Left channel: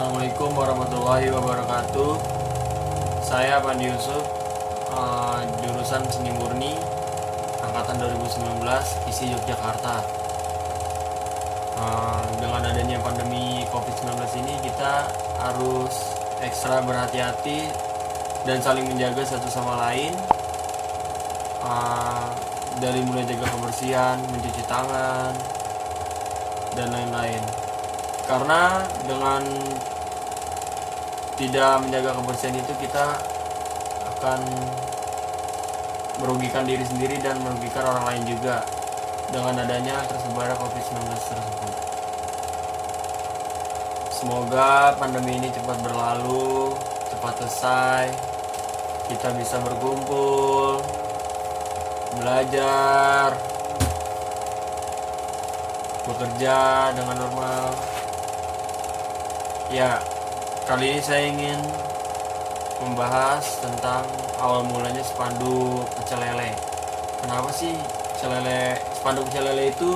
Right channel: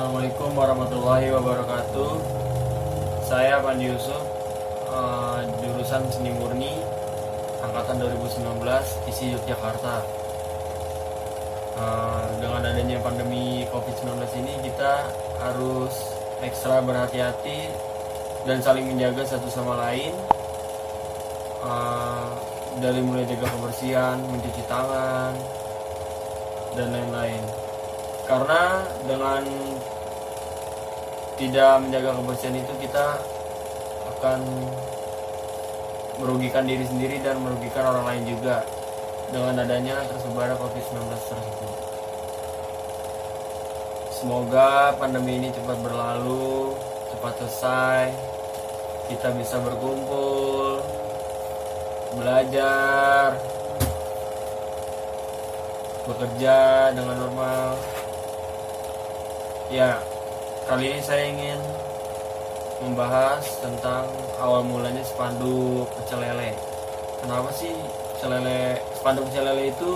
Assalamualaikum warahmatullahi wabarakatuh. Saya Pandi Yusuf, jurusan Seni Murni, angkatan 2019, isi Yogyakarta. Dengan adanya pandemi COVID-19 ini, kita harus ekstra berhati-hati dan saling menjaga satu sama lain. Dari mulai jaga kebersihan, mencuci tangan, dan lain-lain. Karena dengan tidak menjaga kebersihan itu, kita akan merugikan diri sendiri dan merugikan orang lain juga dengan adanya tersebar COVID-19 tersebut. Semoga pandemi ini cepat berlalu, cepat selesai, kita bisa berkumpul, belajar, bekerja dengan normal. Ya, kali ini saya ingin membahas tentang awal mulanya spanduk pecel lele. Kenapa sih spanduk pecel lele itu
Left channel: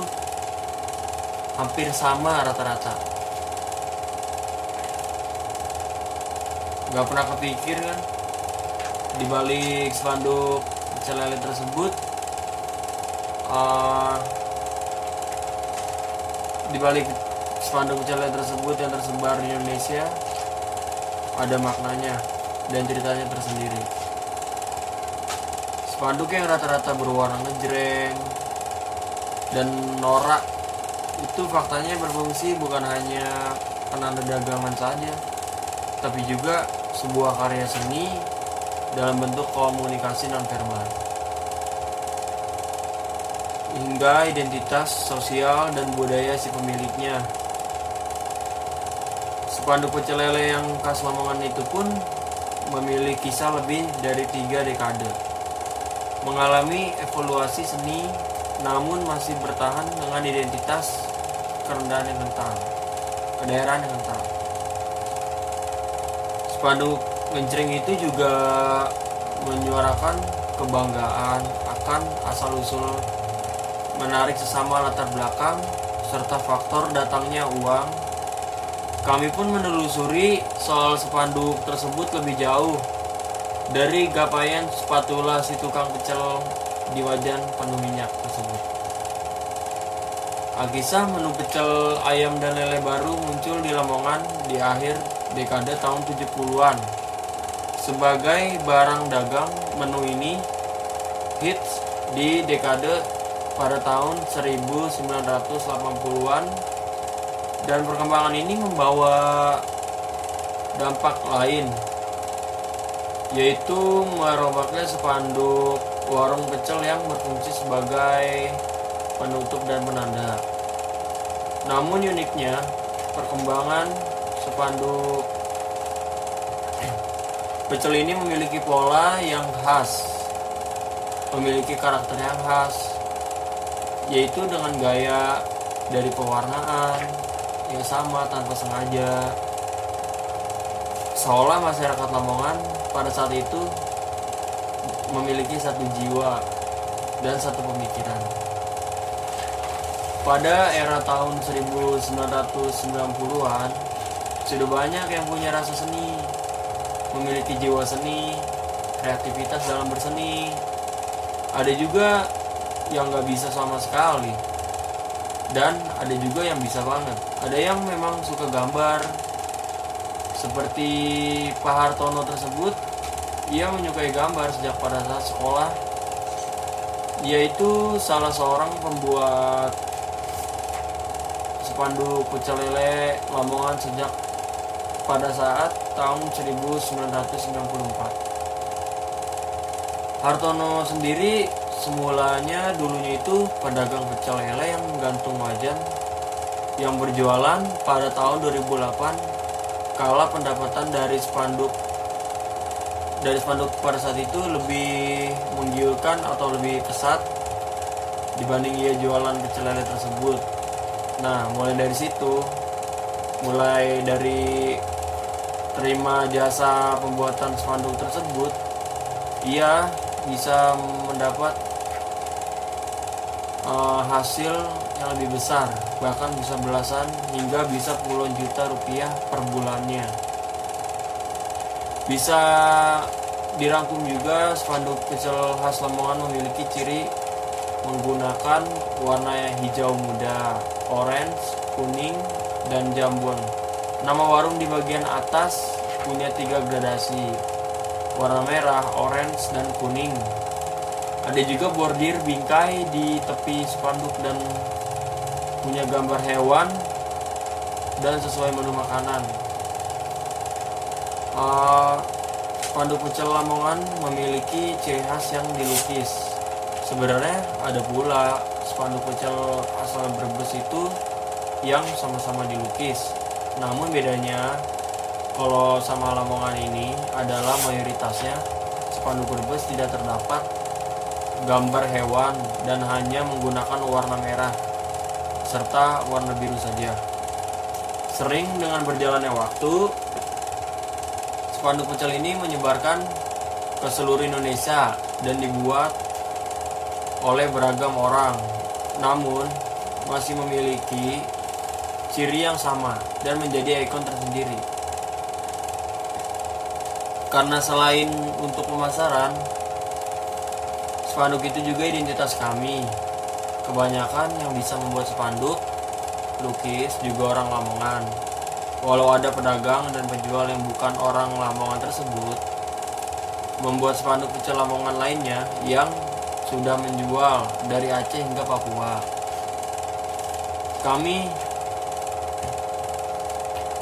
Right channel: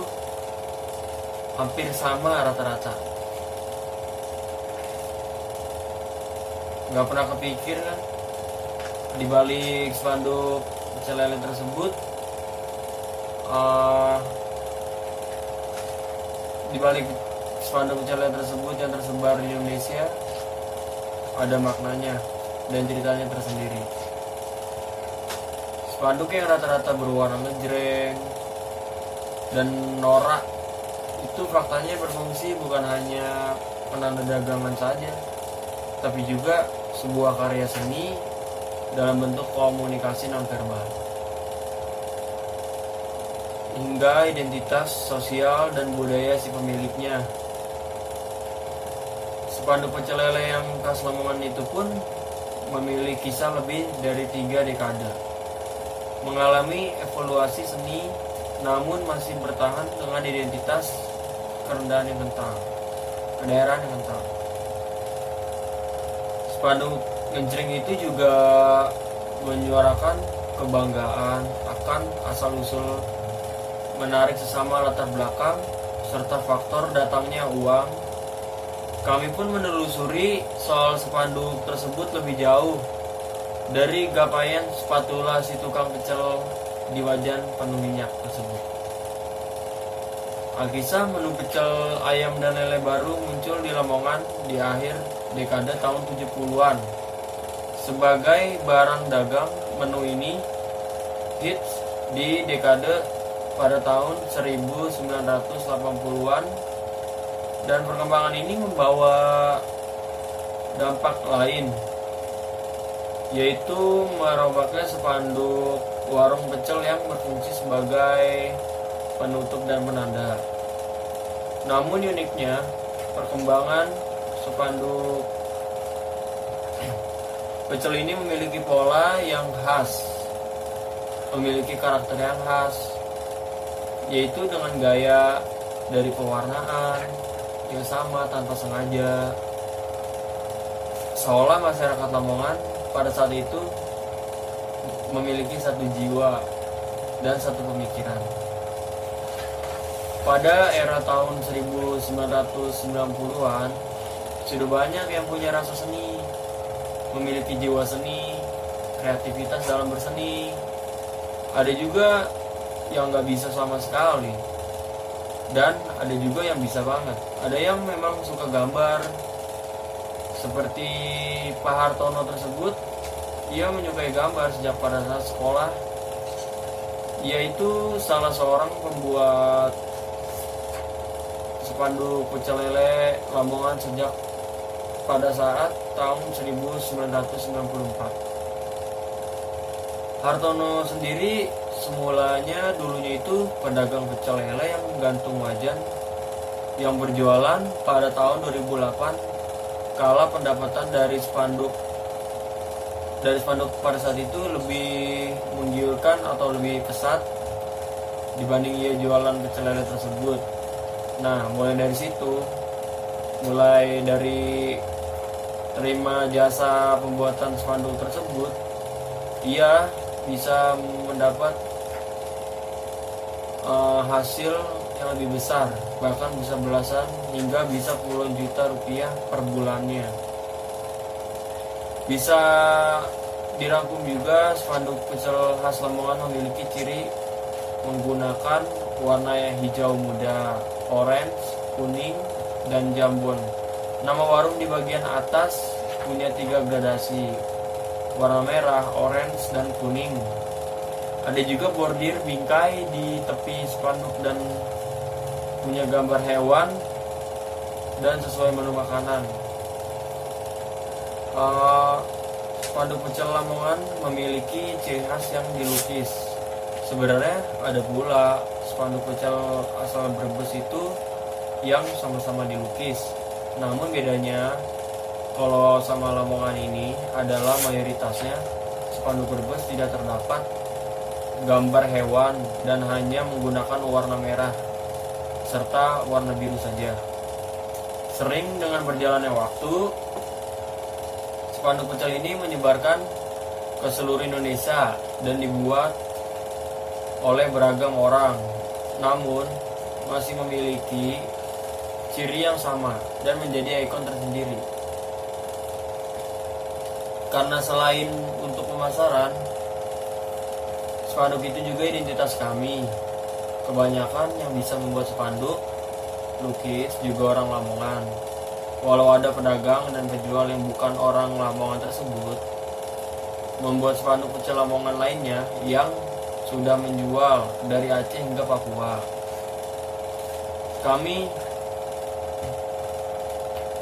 hampir sama rata-rata? Gak pernah kepikir kan, di balik spanduk pecel lele tersebut, di balik spanduk pecel lele tersebut yang tersebar di Indonesia ada maknanya dan ceritanya tersendiri. Spanduk yang rata-rata berwarna ngejreng dan norak itu faktanya berfungsi bukan hanya penanda dagangan saja, tapi juga sebuah karya seni dalam bentuk komunikasi nonverbal, hingga identitas sosial dan budaya si pemiliknya. Spanduk pecel lele yang khas Lamongan itu pun memiliki kisah lebih dari 3 dekade, mengalami evaluasi seni, namun masih bertahan dengan identitas kerendahan yang kental, kedaerahan yang kental. Spanduk ngejreng itu juga menyuarakan kebanggaan akan asal-usul, menarik sesama latar belakang, serta faktor datangnya uang. Kami pun menelusuri soal spanduk tersebut lebih jauh, dari gapaian spatula si tukang pecel di wajan penuh minyak tersebut. Alkisah menu pecel ayam dan lele baru muncul di Lamongan di akhir dekade tahun 70-an. Sebagai barang dagang, menu ini hits di dekade pada tahun 1980-an, dan perkembangan ini membawa dampak lain, yaitu merombaknya spanduk warung pecel yang berfungsi sebagai penutup dan penanda. Namun uniknya, perkembangan spanduk pecel ini memiliki pola yang khas, memiliki karakter yang khas, yaitu dengan gaya dari pewarnaan yang sama tanpa sengaja, seolah masyarakat Lamongan pada saat itu memiliki satu jiwa dan satu pemikiran. Pada era tahun 1990-an, sudah banyak yang punya rasa seni, memiliki jiwa seni, kreativitas dalam berseni. Ada juga yang gak bisa sama sekali, dan ada juga yang bisa banget. Ada yang memang suka gambar, seperti Pak Hartono tersebut. Ia menyukai gambar sejak pada saat sekolah. Ia itu salah seorang pembuat spanduk pecel lele Lamongan sejak pada saat tahun 1994. Hartono sendiri semulanya dulunya itu pedagang pecel lele yang gantung wajan yang berjualan pada tahun 2008, kala pendapatan dari spanduk pada saat itu lebih menggiurkan atau lebih pesat dibanding ia jualan pecel lele tersebut. Nah, mulai dari terima jasa pembuatan spanduk tersebut, ia bisa mendapat hasil yang lebih besar, bahkan bisa belasan hingga bisa puluhan juta rupiah per bulannya. Bisa dirangkum juga, spanduk pecel khas Lamongan memiliki ciri menggunakan warna hijau muda, orange, kuning, dan jambon. Nama warung di bagian atas punya 3 gradasi, warna merah, orange, dan kuning. Ada juga bordir bingkai di tepi spanduk dan punya gambar hewan dan sesuai menu makanan. Spanduk pecel Lamongan memiliki ciri khas yang dilukis. Sebenarnya ada pula spanduk pecel asal Brebes itu yang sama-sama dilukis. Namun bedanya kalau sama Lamongan ini adalah mayoritasnya spanduk Brebes tidak terdapat gambar hewan dan hanya menggunakan warna merah serta warna biru saja. Sering dengan berjalannya waktu, spanduk pecel ini menyebarkan ke seluruh Indonesia dan dibuat oleh beragam orang, namun masih memiliki ciri yang sama dan menjadi ikon tersendiri. Karena selain untuk pemasaran, spanduk itu juga identitas kami. Kebanyakan yang bisa membuat spanduk lukis juga orang Lamongan. Walau ada pedagang dan penjual yang bukan orang Lamongan tersebut membuat spanduk pecel Lamongan lainnya yang sudah menjual dari Aceh hingga Papua. Kami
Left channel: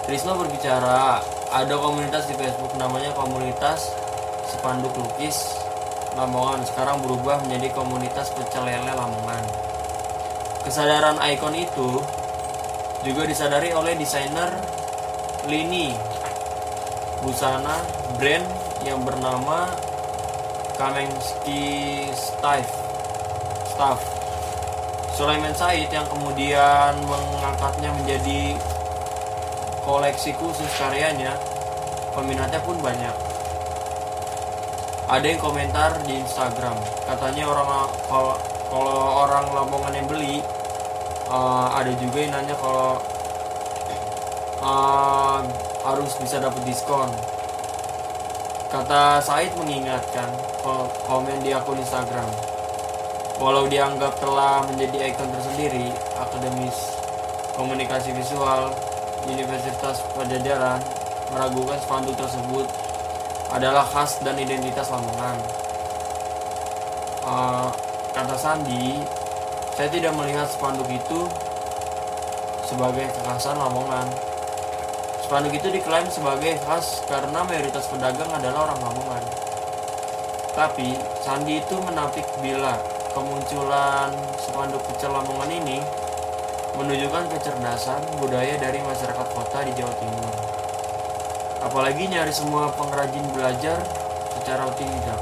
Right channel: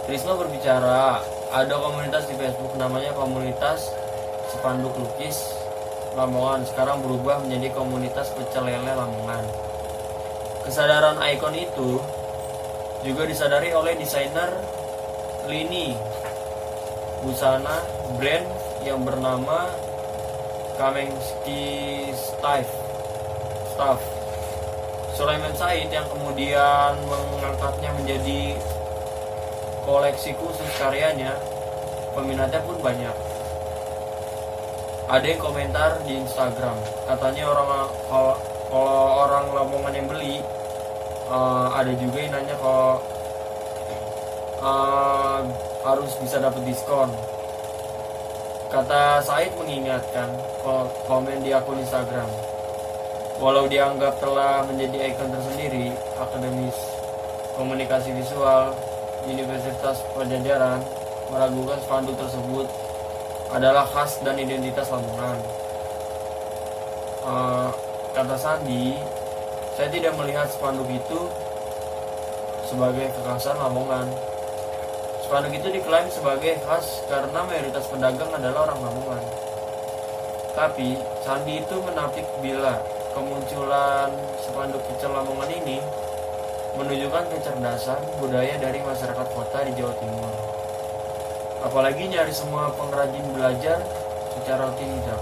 Trisno berbicara, ada komunitas di Facebook namanya Komunitas Spanduk Lukis Lamongan, sekarang berubah menjadi Komunitas Pecel Lele Lamongan. Kesadaran ikon itu juga disadari oleh desainer lini busana brand yang bernama Kamensky Staff Sulaiman Said, yang kemudian mengangkatnya menjadi koleksi khusus karyanya. Peminatnya pun banyak. Ada yang komentar di Instagram, katanya kalau orang Lamongan yang beli, ada juga yang nanya kalau harus bisa dapat diskon. Kata Said mengingatkan komen di akun Instagram, walau dianggap telah menjadi ikon tersendiri, Akademis Komunikasi Visual Universitas Padjadjaran meragukan spanduk tersebut adalah khas dan identitas Lamongan. Kata Sandi, saya tidak melihat spanduk itu sebagai kekhasan Lamongan. Spanduk itu diklaim sebagai khas karena mayoritas pedagang adalah orang Lamongan. Tapi Sandi itu menampik bila kemunculan spanduk pecel Lamongan ini menunjukkan kecerdasan budaya dari masyarakat kota di Jawa Timur. Apalagi nyaris semua pengrajin belajar secara otodidak.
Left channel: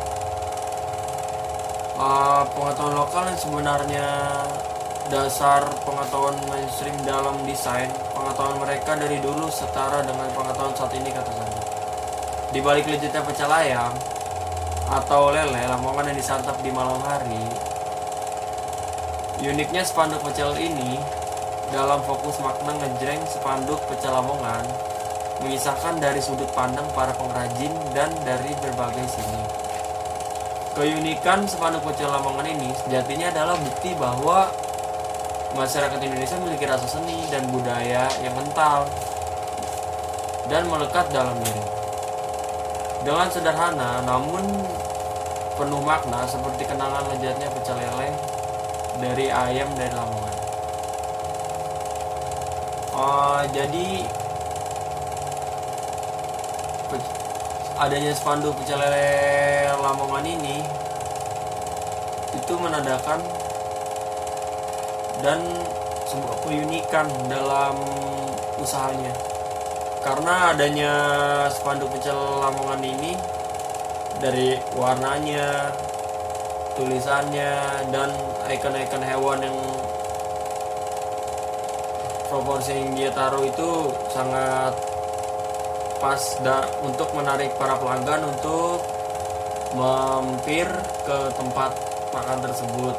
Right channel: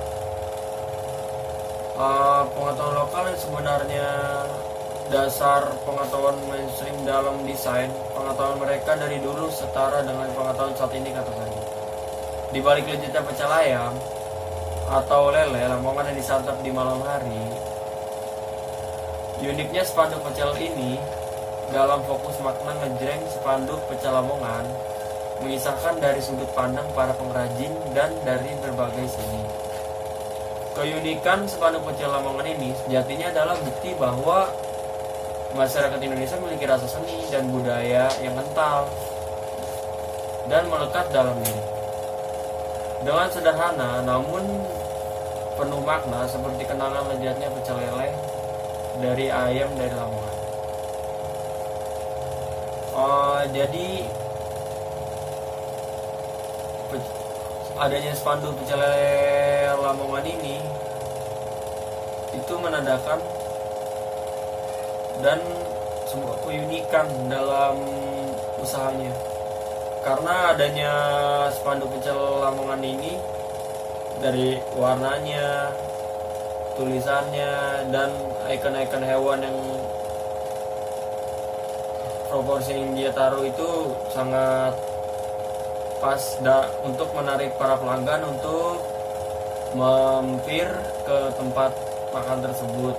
Pengetahuan lokal yang sebenarnya dasar pengetahuan mainstream dalam desain, pengetahuan mereka dari dulu setara dengan pengetahuan saat ini, kata Sandi. Di balik legitnya pecel ayam atau lele Lamongan yang disantap di malam hari, uniknya spanduk pecel ini dalam fokus makna ngejreng spanduk pecel Lamongan mengisahkan dari sudut pandang para pengrajin dan dari berbagai sini. Keunikan spanduk pecel Lamongan ini sejatinya adalah bukti bahwa masyarakat Indonesia memiliki rasa seni dan budaya yang kental dan melekat dalam diri. Dengan sederhana namun penuh makna, seperti kenangan lezatnya pecel lele dari ayam dari Lamongan. Jadi adanya spanduk pecel lele Lamongan ini itu menandakan dan sebuah keunikan dalam usahanya. Karena adanya spanduk pecel Lamongan ini, dari warnanya, tulisannya, dan ikon-ikon hewan yang proporsi yang dia taruh itu sangat pas untuk menarik para pelanggan untuk mampir ke tempat makan tersebut.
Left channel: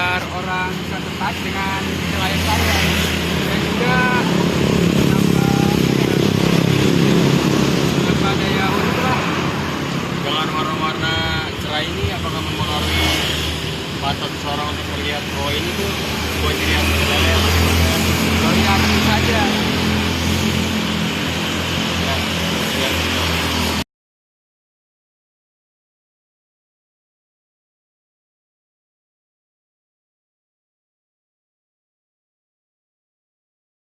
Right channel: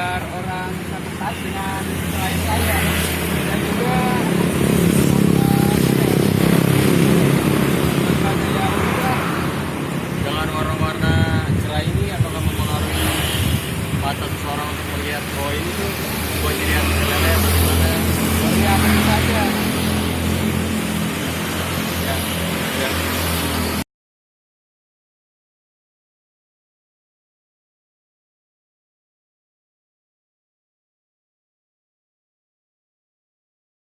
biar orang bisa tertarik dengan klien saya, dan juga nampaknya ya unik lah. Dengan warna-warna cerah ini apakah mempengaruhi mata seseorang untuk melihat oh ini tuh buat dilihat lele bagaimana? Oh iya, tentu saja.